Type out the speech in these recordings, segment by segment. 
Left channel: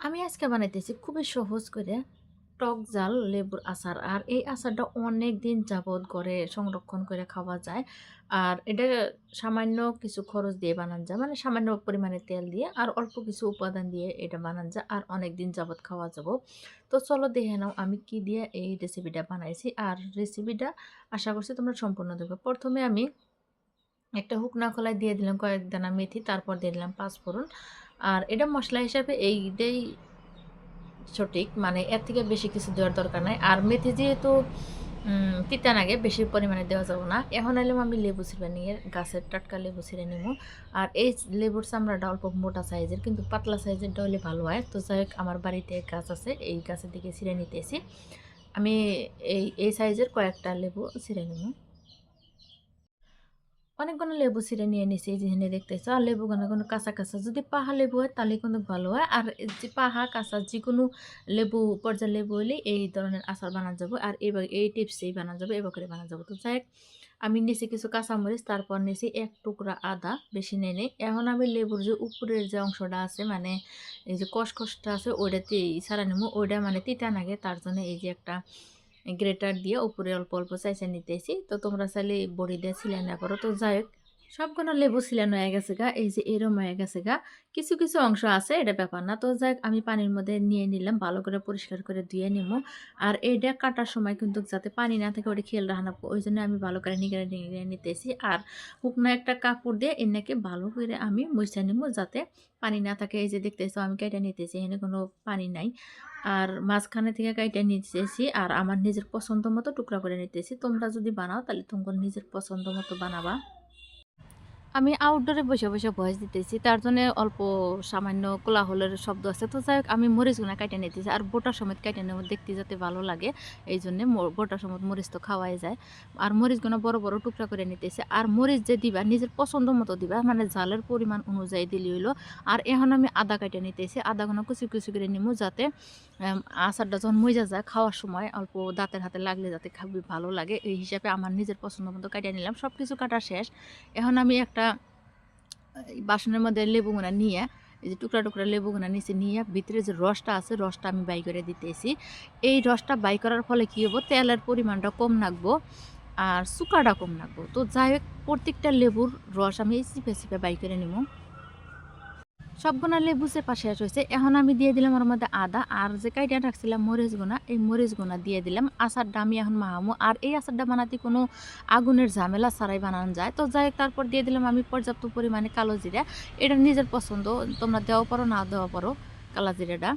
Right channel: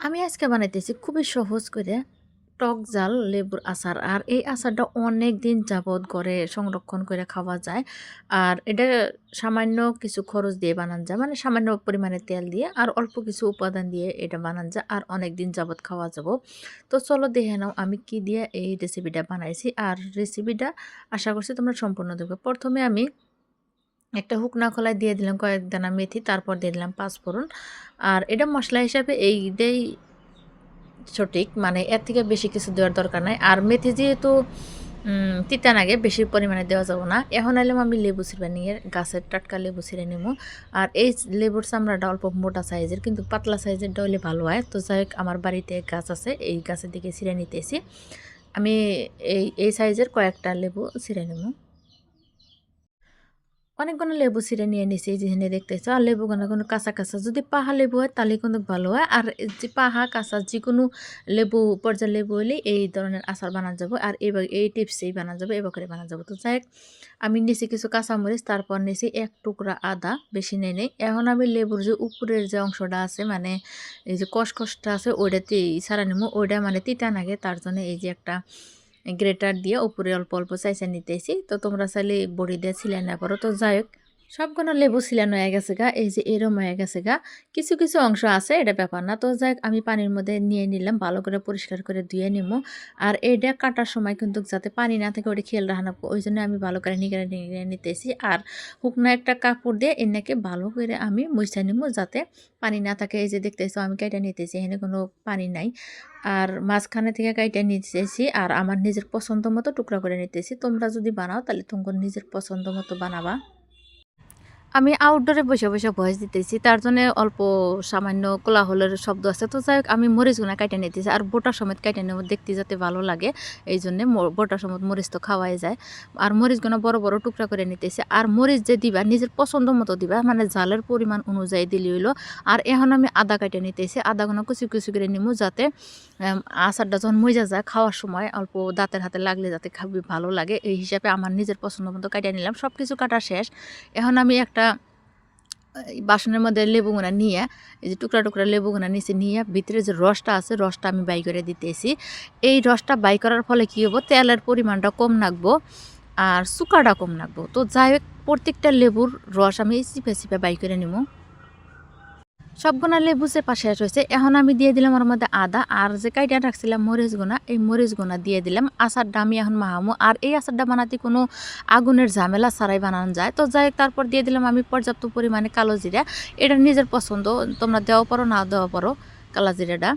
আমি আজকে বানাইতেছি খুবই সহজ করে টক জাল লেবুর আচার। আর এই আচারটা অনেক দিন যাবৎ ঘরে সংরক্ষণ করে খাওয়া যায়। আর এটা সামান্য কিছু খরচ দিয়ে বানান যায়, মানে সামান্য পরিমাণে তেল দিয়ে আর অল্প কিছু উপাদান দিয়ে এটা বানান যায়, আর অনেক দিন যাবৎ খাওয়া যাব। তো চলো দেখে নাও আমি কি দিয়ে এই রেসিপিটা বানাইছি। আর রেসিপিটা আশা করছি তোমরা সম্পূর্ণ দেখবে। প্রথমে আমি একটা শুকনা খোলায় দিয়ে দিলাম কয়েক দানা মেথি, তারপর দিয়ে দিলাম পাঁচফোড়ন। আর এটা মশলা হিসাবে এইটাই সঠিক, মানে এর থেকে বেশি কিছু দেওয়ার দরকার নাই। আর মেথি যেহেতু তিতা লাগে, বেশি পরিমাণে দেওয়া যাবে না। এখন এলাম আমি লেবু ছিঁড়ে নিয়ে গাছের টাটকা লেবু ছিঁড়ে নেব। আর এই লেবুর চামড়াটা অল্প মোটা সাইজের, কিন্তু পাতলা সাইজেরটা হলে ভালো হয়। তো যাই হোক, আমার বাড়িতে গাছ আছে, এই গাছের দিকে ছিঁড়ে নিতেছি। আমি এই সাইজের কয়েকটা লেবু ছিঁড়ে নেব। অনেকগুলো লেবু ছিঁড়ে নিয়ে নিছি, এই যেখানে দেখতেছো। আর লেবুগুলো কোনো কাঁচা কাঁচা যদি পাহা লেবু হয় তাহলে কিন্তু ভালো হয়। আর যে পাহা কাঁচা যে কোনো লেবু, পর্যায় লেবু হলে এই ধরনের আচার বানানো যাবে। আর এবার এই টিপসেই বানানো যাবে, এবার করে বানানো যাবে। তো যাই হোক, আমি নিছি কিছু কাঁচামরিচ, তারপর নিছি এক টুকরা আদা, বেশি নেই নেই। এখন আমি লেবুর যে উপরের যে অংশটা আছে, মানে এই যে কষকষটা আছে, ওইটাতে ছাড়া নেবো। ওইটা মানে তিতা লাগে, তার জন্য এই যে একটা গ্রেটার দিয়ে উপরে অল্প অল্প চাইচা নিতেছি। তো তোমরা চাইলে বড়ি দিয়ে ছিলে না পারো। তো যাই হোক, সবগুলো লেবু ছিলানো হয়ে গেছে গা, এই যে এরম হয়ে গেছে গা। কিছু কিছু অংশ আছে, এটা ব্যাপার না। তো যাই হোক, আমি পানির মধ্যে নিয়ে নিলাম, ভালো করে পরিষ্কার করে ধুয়ে নিব। আর এইটা কাটার সময় কিন্তু যাতে পানি না থাকে ওটা খেয়াল রাখা, ওই জন্য আমি ভালো করে নিগড়ে নিগড়ে নিতেছি। আর শুকনো একটা কাপড় দিয়ে এনাকে ভালো করে আমি মুছে নিব, যাতে পানি না থাকে। এই যে দেখতেছো আমি কেটে নিতেছি, এখানে কোনো পানি নাই। আর মাঝখানে থেকে কাইটা নিতেছি, আর আমার নিজের পছন্দ মতো টুকরা করে নিতেছি। তোমরা যদি বানাও তাহলে তোমার নিজের পছন্দ মতো বানাবা। আমি আউটডোরে বসে বসে ভয়েস দিতেছি, তার জন্য অল্প সামান্য কোলাহলের শব্দ আছে। তো যাই হোক, আমি মরিচগুনা কাইটে নিতেছি, আর বোটা সমেত কাইটে নেব, দেখতে যাতে ভালো লাগে। এই জন্যে বোটা সমেত মরিচ তো খাওয়াই যায়। আর মরিচগুনা বড় বড় টুকরা করে নিতেছি। আর মরিচ যে দিবা নিজের পছন্দ মতো দিবা, মানে ঝালের পরিমাণ অনুযায়ী দিলে হইলো। আর এখন আমি আদা কাইটে নিতেছি, আদাগুনা কুচি কুচি করে নিমু, যাতে আচারটা যখন মজা যায় খাওয়ার সময় অল্প দাঁতের হাতে লাগলে যাতে খাবি ভালো লাগে, এই হিসাবে আমার নিজের পছন্দ মতো কাইটে নিলাম। সব কিছু কাটা শেষ। এখন আমি একটা বাসনের মধ্যে লেবুগুনা নিয়ে, এই যে টুকরা টুকরা লেবুগুনা নিচে নিয়ে ভিতরে যে রসটা আছে, রসটা আমি বাই করে দিতেছি। এই রসটা বাই করার ফলে কী হবো, তেলের পরিমাণটা কম নাকবো আর চুকাটা কম নাকবো। তো যাই হোক, প্রত্যেকটা লেবুর রস আমি চিপে চিপে বাই করে নেব। সবগুনা লেবু চেপা শেষ হয়েছে। এখন আমি দিয়ে দিলাম ওর মধ্যে আদা, আর যে কাইটা রাখছিলাম মরিচগুনা, এই মরিচগুনা দিয়ে দিলাম। আচারটা আমি এখন মাহামো। আর এই আচারটা বানাতে কোনো আগুনের ঝামেলা ছাড়াই বানানো যায়। তো যাই হোক, তারপর দিয়ে দিলাম আমি পর্যাপ্ত পরিমাণে কালো জিরা। এটা নিজের পছন্দ, তোমরা দেওয়া পারো না দেওয়া পারো কালো জিরাটা।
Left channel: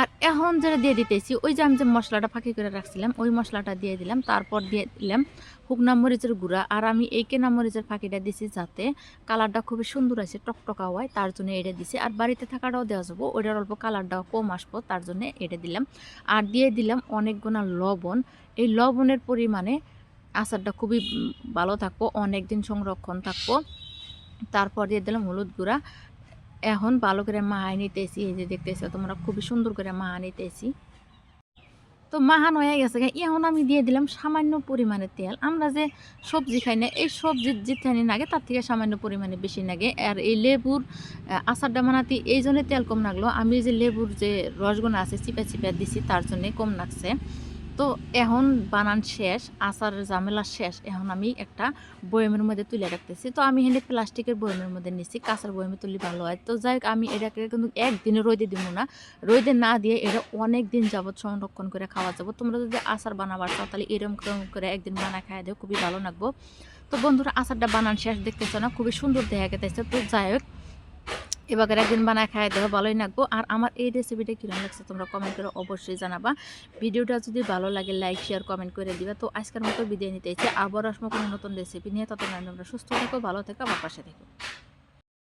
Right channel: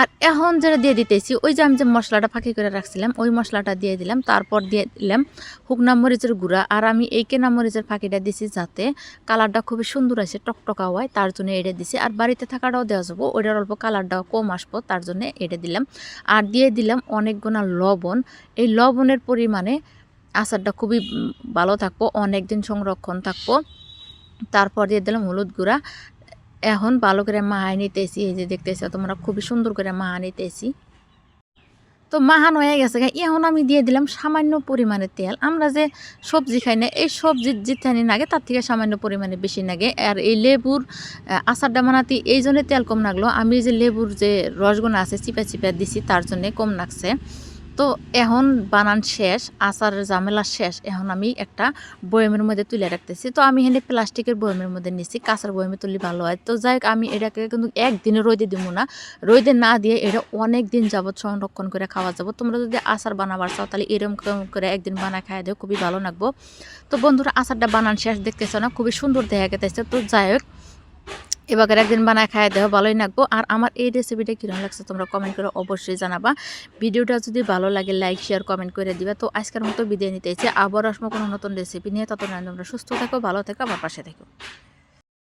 আর এখন যেটা দিয়ে দিতেছি, ওই যে আমি যে মশলাটা ফাঁকি করে রাখছিলাম, ওই মশলাটা দিয়ে দিলাম। তারপর দিয়ে দিলাম শুকনা মরিচের গুঁড়া। আর আমি এই কেনা মরিচের ফাঁকিটা দিছি যাতে কালারটা খুবই সুন্দর আসে, টকটকা হয়, তার জন্য এটা দিছি। আর বাড়িতে থাকাটাও দেওয়া যাবো, ওইটার অল্প কালারটাও কম আসবো, তার জন্য এটা দিলাম। আর দিয়ে দিলাম অনেকগুলো লবণ। এই লবণের পরিমাণে আচারটা খুবই ভালো থাকবো, অনেক দিন সংরক্ষণ থাকবো। তারপর দিয়ে দিলাম হলুদ গুঁড়া। এখন ভালো করে মাখায় নিতেছি, এই যে দেখতেছো তোমরা, খুবই সুন্দর করে মাখা নিতেছি। তো মাখানো হয়ে গেছে গা। এখন আমি দিয়ে দিলাম সামান্য পরিমাণে তেল। আমরা যে সবজি খাই না, এই সবজির যেখানে লাগে তার থেকে সামান্য পরিমাণে বেশি লাগে। আর এই লেবুর আচারটা বানাতে এই জন্য তেল কম লাগলো, আমি যে লেবুর যে রসগুনা আছে চিপা চিপা দিছি, তার জন্যে কম লাগছে। তো এখন বানান শেষ, আচারের ঝামেলা শেষ। এখন আমি একটা বয়ামের মধ্যে তুলে রাখতেছি। তো আমি এখানে প্লাস্টিকের বয়ামের মধ্যে নিচ্ছি, কাঁচের বয়ামে তুললে ভালো হয়। তো যাই হোক, আমি এটাকে কিন্তু একদিনে রোদে দিব না, রোদে না দিয়ে এটা অনেক দিন যাবৎ সংরক্ষণ করে খাওয়া যাবো। তোমরা যদি আচার বানাবার চাও তাহলে এরকম করে একদিন বানা খাই দেও, খুবই ভালো লাগবো। তো বন্ধুরা, আচারটা বানান শেষ, দেখতেছো না খুবই সুন্দর দেখা গেছে। তো যাই হোক, এবার একদিন বানায় খাই দেওয়া ভালোই লাগবো। আর আমার এই রেসিপিটা কীরকম লাগছে তোমরা কমেন্ট করে অবশ্যই জানাবা। ভিডিওটা যদি ভালো লাগে লাইক শেয়ার কমেন্ট করে দিবা। তো আজকের মতো বিদায় নিতে চাই, আবার আসবো কোনো নতুন রেসিপি নিয়ে। ততক্ষণ তোমরা সুস্থ থাকো, ভালো থাকো, আমার পাশে থাকো।